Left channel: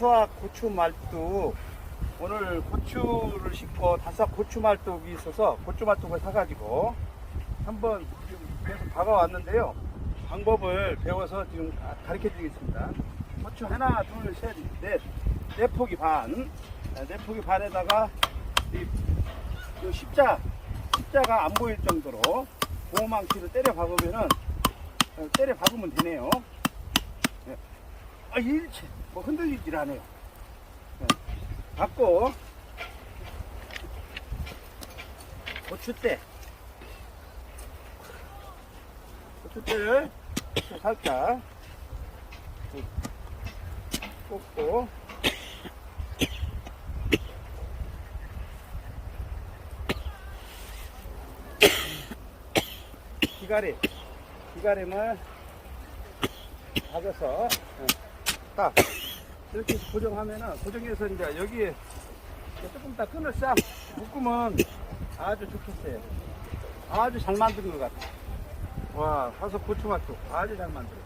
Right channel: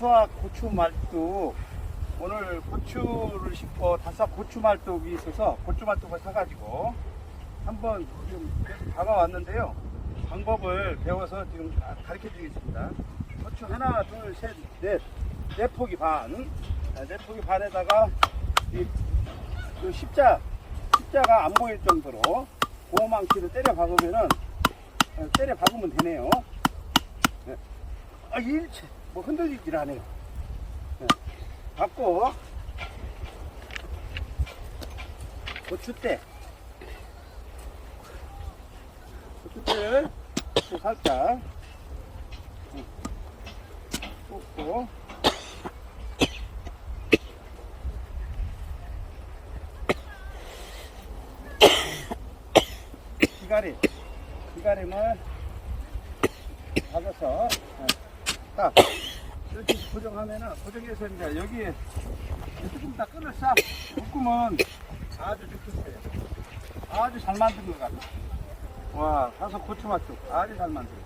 다삭 고추 말뚝 오늘 고추를 심고 다삭 고추 말뚝이 있어서 고추 말뚝을 사가지고 한번 지금 계속 다가왔는데요. 방법을 배워서 지금 가르쳐 드리겠습니다. 고추 하나, 둘, 셋, 넷, 네 포기 반. 자, 네 포기 반에다가 이, 이 십자, 십자가 안 보일 정도로 고망치를 때려 박으면은 어, 때려 박으면 되네요. 예. 아, 일체 뭐 흔들리질 않아요. 예. 박고. 고추대 고추대를 살짝. 꽂고. 기가리 기가림을 박아서 예. 딱 이렇게 고정하면은 고정해서 이제 여기에 조금 다 끈을 싹 묶으면 아주 좋겠어요. 아주 잘 만든 것 같아. 와, 가서 고추 맛도 아주 잘 만들어.